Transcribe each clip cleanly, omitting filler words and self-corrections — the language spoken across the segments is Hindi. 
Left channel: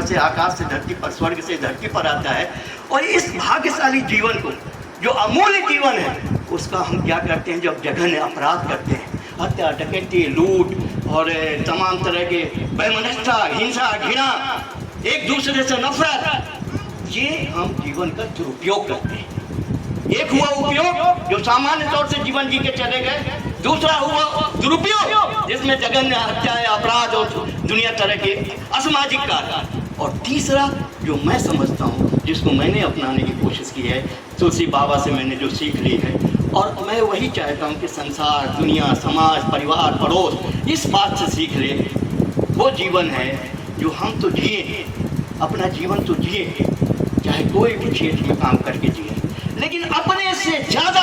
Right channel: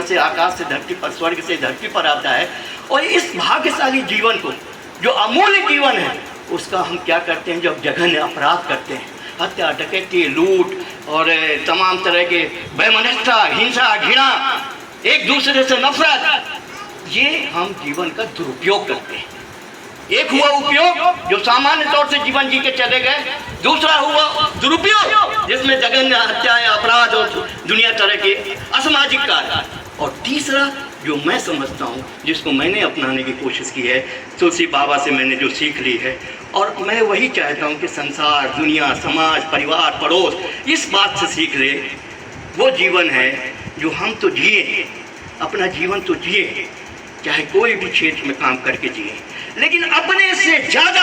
से आकाश से धरती पर, स्वर्ग से धरती पर आता है। और इस भाग्यशाली जीवन को, जो अमूल्य जीवन है, उसका हम क्या करते हैं? जब जघन्य अपराध करते हैं, हत्या, डकैती, लूट और तमाम तरह के वैमनस्यता, हिंसा, घृणा, एक दूसरे से नफरत, ये हम जीवन का दुरुपयोग करते हैं। एक हुआ उपयोग, जो सामान्य तौर से जीवन जी के चले गए। दूसरा हुआ दुरुपयोग, जिसमें जघन्य हत्याएं, अपराध और दुनिया तरह के असामाजिक कार्य। और तीसरा जो मैं समझता हूँ, जिसको मैंने अपनाने की कोशिश की है, तुलसी बाबा से मैंने जो सीख ली है, और मैं वही चाहता हूँ कि संसार, दुनिया, समाज, परिवार, पड़ोस इस बात से सीख ले। वो जीवन है जो हम तो जिए, अपना जीवन तो जिए, चाहे कोई भी क्षेत्र में काम करके जिए, लेकिन अपने से ज़्यादा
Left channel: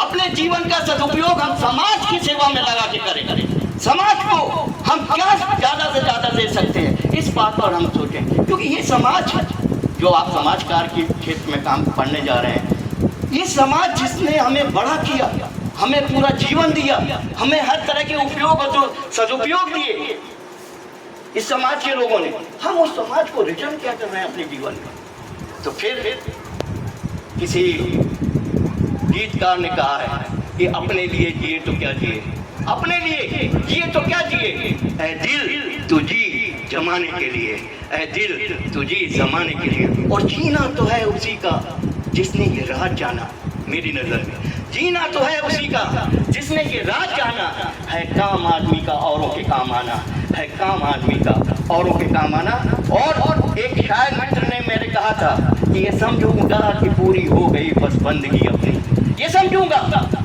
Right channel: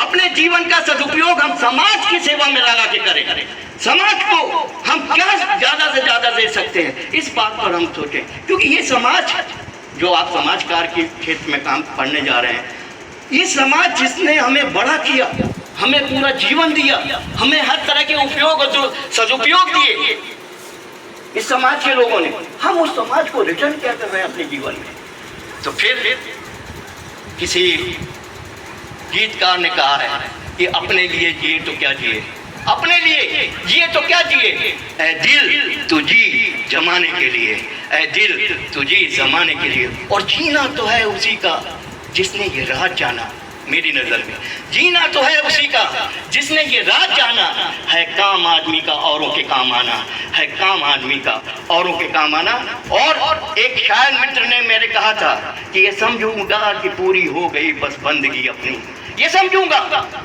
अपने जीवन का सदुपयोग हम समाज की सेवा में लगा के करें। समाज को हम क्या ज़्यादा से ज़्यादा दे सकते हैं, इस बात पर हम सोचें। क्योंकि ये समाज, जो आप समाज कार्य के क्षेत्र में काम करने जा रहे हैं, ये समाज जिसने हमें बड़ा किया, हमें पूरा जीवन दिया, हमें हर तरह के उपयोग और सदुपयोग दिए, इस समाज के लोगों ने, हम उस समाज को रिटर्न क्या कर रहे हैं अपने जीवन में? तो फिर किसी गीतकार ने कहा है कि अपने लिए जिए तो क्या जिए, अपने लिए जिए तो क्या जिए, ऐ दिल तू जी जमाने के लिए, ऐ दिल तू जी जमाने के लिए। और जीना तो है उसी का जिसने ये राज जाना। मेरी नज़र में जीना तो है उसी का जिसने ये राज जाना है। काम आदमी का औरों के काम आना है, काम आदमी का औरों के काम आना। और एक शायर मित्र ने मेरे कहा था कि ये समझूंगा कि पूरी हो गई बस बंदगी अपनी, ये समझूंगा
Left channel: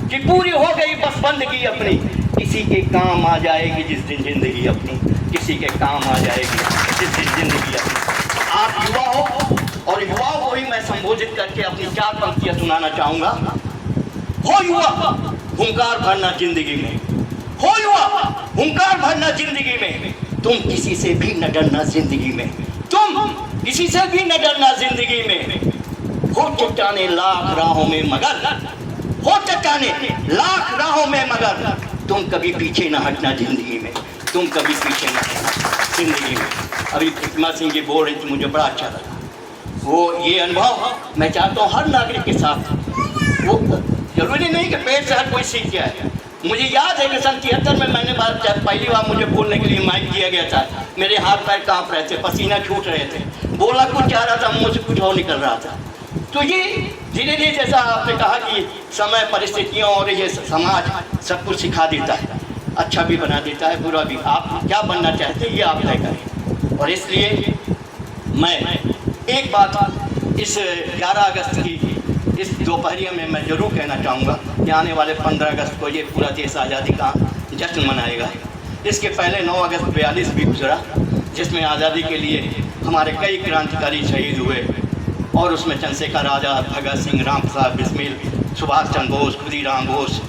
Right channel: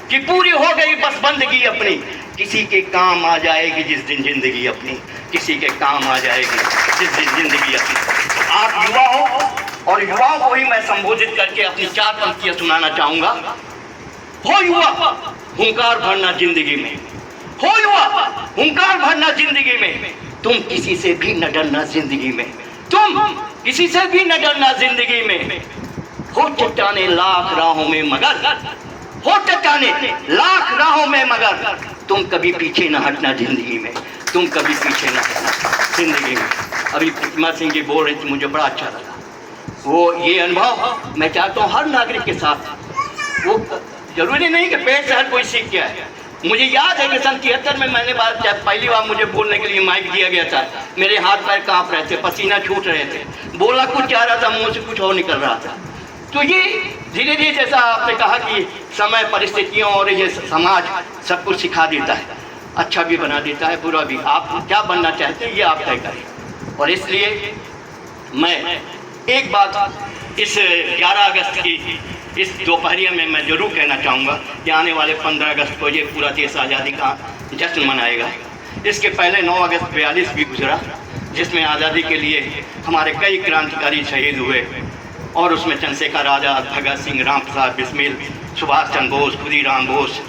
कि पूरी हो गई बस बंदगी अपनी, किसी के काम आ जाएगी जिस दिन जिंदगी अपनी, किसी के काम आ जाएगी जिस दिन जिंदगी अपनी। आप युवा हो, और युवाओं को ही मैं संबोधित करके अपनी 4 पंक्तियां सुनाना चाहूंगा। हो युवा, हुंकार भरना जिंदगी में, हो युवा, हुंकार भरना जिंदगी में, तुम किसी से भी न डरना जिंदगी में, तुम किसी से भी न डरना जिंदगी में। हो चट्टाने लाख राहों में मगर, हो चट्टाने लाख राहों में मगर, तुम कभी पीछे न हटना जिंदगी में, तुम कभी पीछे न हटना जिंदगी में। अभी प्रतिमा सिंह जी बोल रहे थे, मुझे बड़ा अच्छा लगा वो ये अनुभव। मैं चाहता हूँ हर नागरिक के साथ, वो जरूरी नहीं कि पेड़ से हर कोई सीख गया है। मुझे याद है कि सन 73 में मैंने पहली बार मुझे बोलने के लिए माइक दिया गया था। मेरे हाथ पैर कांप रहे थे, पसीना छूट रहे थे, बोला कुछ चाह रहा था, मुंह से कुछ और निकल रहा था। तो ये धीरे धीरे, जैसा आपने कहा कि समय, परिस्थितियों और ये समाज सब कुछ सिखा देता है, अच्छा भी बना देता है, बुरा भी। आप क्या बनना चाहते हैं ये आप तय करें। और इसलिए मैं एक बात इस 11 अगस्त की इस दोपहरिया में मैं ज़रूर कहना चाहूँगा कि आने वाले 15 अगस्त को ये पूरा देश आज़ादी का जश्न मनाएगा। इसके पहले 9 अगस्त 42 भी गुजरा, जिसमें आज़ादी के लिए हमारे कई क्रांतिकारी शहीद हुए, और उसमें चंद्रशेखर आज़ाद, भगत सिंह, राम प्रसाद बिस्मिल, सुभाष चंद्र बोस, खुदीराम बोस।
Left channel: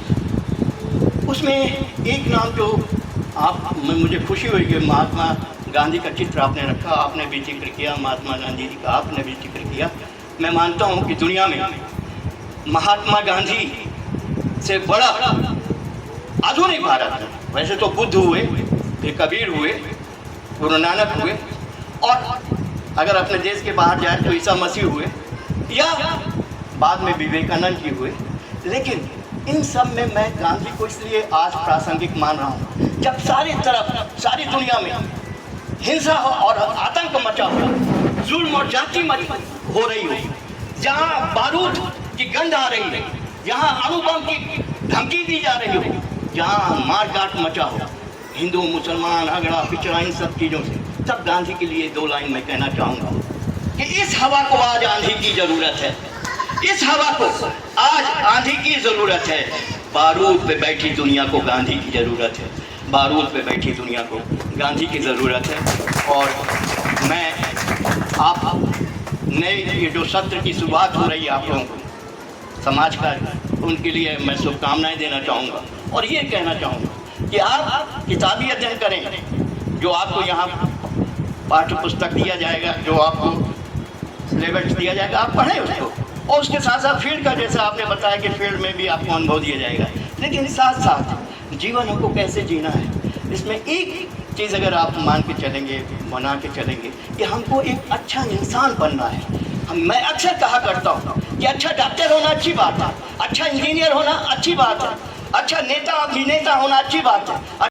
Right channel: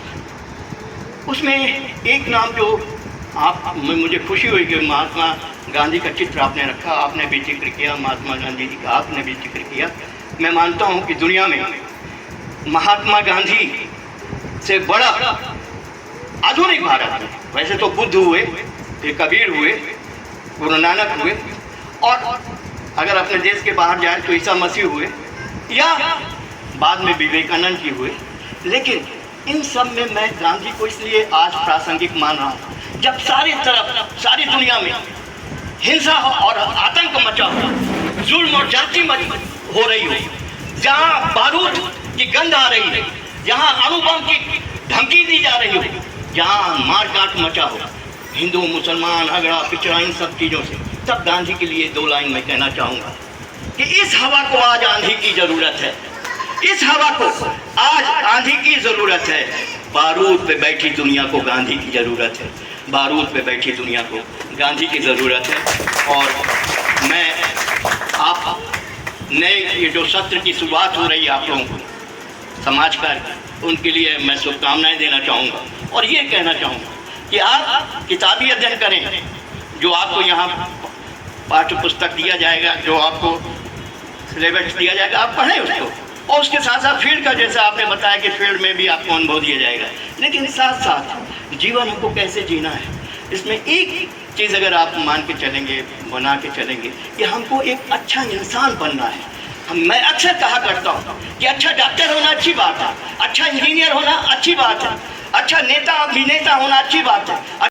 उसमें एक नाम जो मुझे खुशी हुई कि महात्मा गांधी का चित्र आपने रखा, आपने भी जिक्र किया, महात्मा गांधी जी का आपने भी जिक्र किया। मैं मानता हूँ कि दुनिया में महात्मा गांधी से बड़ा आधुनिक भारत में, वैसे तो बुद्ध हुए, फिर कबीर हुए, गुरु नानक हुए, और अगर अपने देश के बाहर जाए तो ईसा मसीह हुए, या बाद में विवेकानंद जी हुए। लेकिन इन सब में मैं गांधी को इसलिए आज प्रासंगिक मान रहा हूँ, जब सारी तरफ, सारी दुनिया में हिंसा और आतंक मचा हो, जुल्म और जाति हो रही हो, जहाँ बारूद की गंध आ रही है, जहाँ अणुबम की धमकी दी जा रही हो, जहाँ मारकाट मचा हो, हिंदू मुसलमान अगड़ा पिछड़ा इन सब चीज़ों से, तब गांधी के लिए 2 लाइन मैं कहना चाहूँगा कि इस हवा को आज आंधी की ज़रूरत है, इस हवा को आज आंधी की ज़रूरत है। बारूद पे बैठी दुनिया को गांधी की ज़रूरत है, बारूद पे बैठी दुनिया को गांधी की ज़रूरत है। और मैं आप नए ये जो सत्र की शुरुआत हो रही है आप लोगों को समाज का, उनके लिए मैं शुभकामनाएं देना चाहूँगा, और ये कहना चाहूँगा कि आप किताबी अध्ययन करें, जो आपको यहाँ पाठ्य पुस्तक दिया जाएगा, जो आपको सिलेबस दिया जाएगा, आप पढ़ें उसको, और उसके साथ साथ फील्ड का, जैसे आपने बताया कि फील्ड में भी आपको अनुभव दिया जाएगा, लेकिन साथ साथ जीवन हमको कैसे जीना है, इसमें एक चीज़ अगर आप मान के चलेंगे, बना के चलेंगे कि हमको एक अच्छा इंसान बनना है। मैं अक्सर कहा करता हूँ कि अच्छा डॉक्टर होना अच्छी बात है, अच्छा इंजीनियर होना अच्छी बात है, अच्छा नेता अभिनेता होना अच्छी बात है,